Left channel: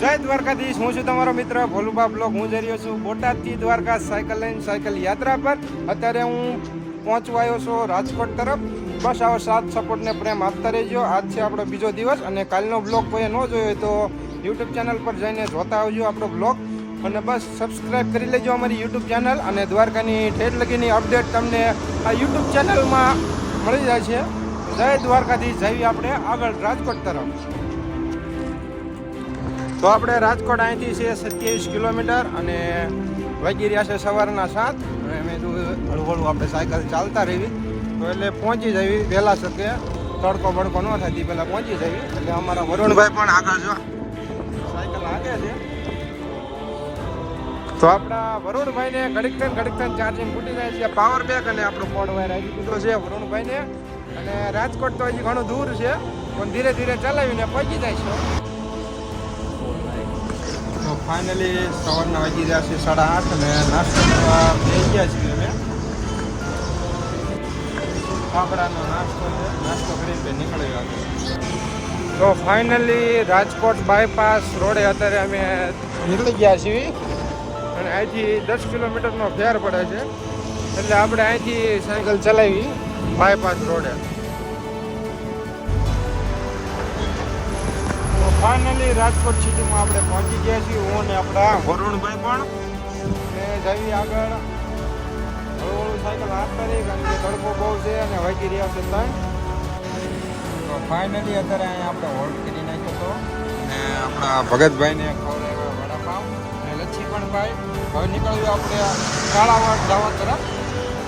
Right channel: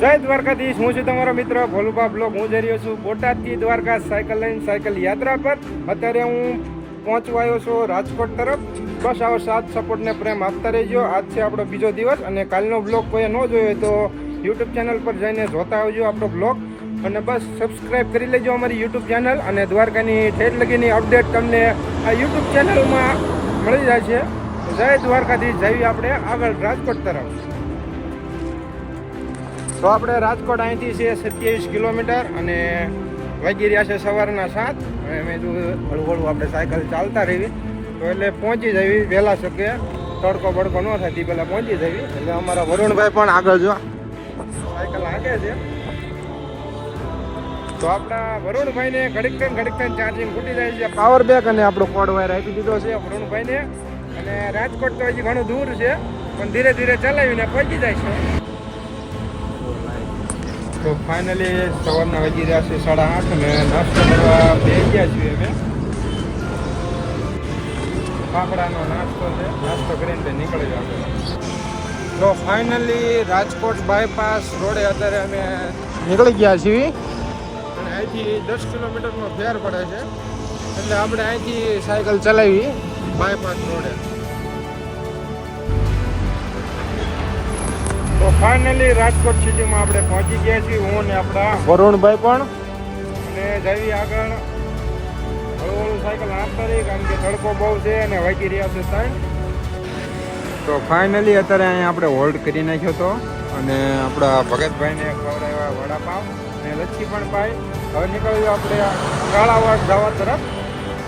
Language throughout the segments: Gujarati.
જય દ્વારકાધીશ, હું છું તમારો મિત્ર ભોલુબા બ્લોગ. હું જઈ રહ્યો છું બોટાદથી દ્વારકા સાયકલ લઈને સાયકલ યાત્રા પર. અત્યારે હું પહોંચવા આવ્યો છું રાજકોટ તરફ. બસ આવો સાથ સપોર્ટ ને પ્રેમ આપતા રહેજો. આજ છે આપણો બીજો દિવસ અને કાલનો બ્લોગ કોઈએ ન જોયો તો યુટ્યુબ ચેનલ પર જઈને જોતા આવજો આપણો બ્લોગ. અને બસ સબસ્ક્રાઈબ કરી લેજો અમારી યુટ્યુબ ચેનલ. અને દ્વારકાની ઠેઠ લગીની અપડેટ તમને આ યુટ્યુબ ચેનલમાં મળી જાય છે. જય દ્વારકાધીશ. જઈએ આપણે આગળ રાજકોટ તરફ. તો આપણે રાજકોટ અહીંથી છે 27 કિલોમીટર અને વાગી રહ્યા છે સવારના 7. અને મેં કીધું હળવું આપણે સાયકલ ચાલતા રહીએ તો એટલે પહોંચી જવી વહેલા શકે, તડકો બડકો ન થાય તે પહેલાં પહોંચી જવી. એટલે અમારા વરુણભાઈ પણ આગળ જો સાયકલ આગે છે. તો આપણા વરુણભાઈને ઘડીક ચાર્જિંગ ખૂટી જાય છે. પાવર બેક અને આપણો કોડ વાયર આપી દીધો છે વરુણભાઈને. અને રાજકોટ તો હજી ઘણું દૂર છે પણ ધીરે ધીરે ચલાવીને પહોંચી જાય છે. તો ફાઇનલી સવારના વાગી રહ્યા છે 8:30 અને નાસ્તો કરવા બેસી ગયા છીએ અમે. ફાફડાનો નાસ્તો છે, નાસ્તો કરીને નીકળ્યો આગળ. તો ફાઇનલી રાજકોટ બાયપાસ રોડે અત્યારે અમે નીકળી ગયા છીએ. અને અહીંથી 10 કિલોમીટરનો ફેર પડે છે એટલે આપણે અહીંથી સાયકલ ચલાવી બાયપાસ રોડે. તો ફાઇનલી રાજકોટ સિટીમાં આપણે પહોંચી ગયા છીએ. હું ને આપણા વરુણભાઈ પણ. અને જઈએ આગળ હળવું સાયકલ હાથ કરી, કારણ કે તડકો બહુ છે અને વાગી રહ્યા છે 3. તો ફાઇનલી અત્યારે અહીંયા આપણે હોલ્ડ કરી નાખ્યો હતો અને આપણા ભગતભાઈને ખવડાવ્યા વડાપાવ અને લચ્છી પણ પાઈ. હવે નીકળ્યું આપણે કાળાવાડ જવા તરફ.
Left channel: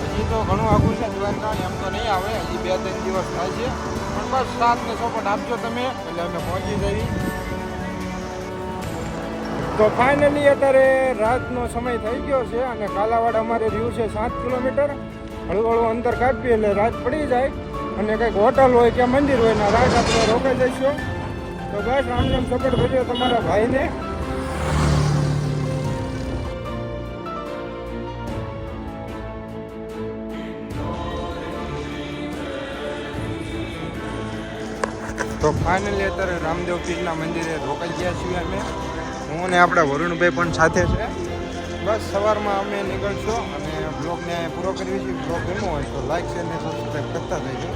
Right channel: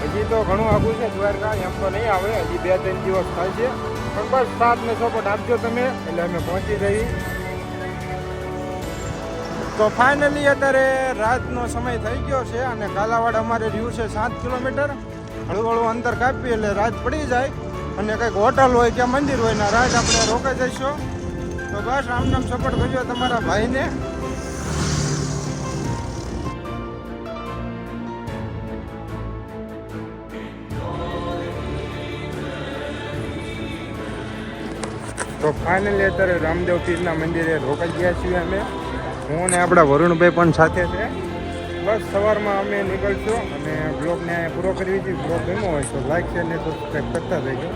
હજી તો ઘણું આઘું છે દ્વારકા, એમ તો નહીં આવે, હજી 2-3 દિવસ થાય છે. પણ બસ સાથ ને સપોર્ટ આપજો તમે એટલે અમે પહોંચી જઈએ. તો ફાઇનલી અત્યારે રાતનો સમય થઈ ગયો છે અને કાલાવાડ અમારે રહ્યું છે 7 કિલોમીટર. હળવું અંતર કાપીએ એટલે રાત પડી જાય અને કંઈક હોટલ હોય કે મંદિર હોય ને રાત આપણે રોકાઈ જઈશું. તો બસ આમ સપોર્ટ કરજો તમારા ભાઈને. તો ફાઇનલી અત્યારે રામદેવ પીરના મંદિરે રોકાઈ ગયા છીએ અમે. હું ને આપણા વરુણભાઈ પણ સાથે છે. બસ સવારમાં અમે નીકળશું અને બ્લોગને પૂરો કરી દીધી. બ્લોગ ગમ્યો હોય તો લાઈક શેર ને સબસ્ક્રાઈબ કરતા રહેજો.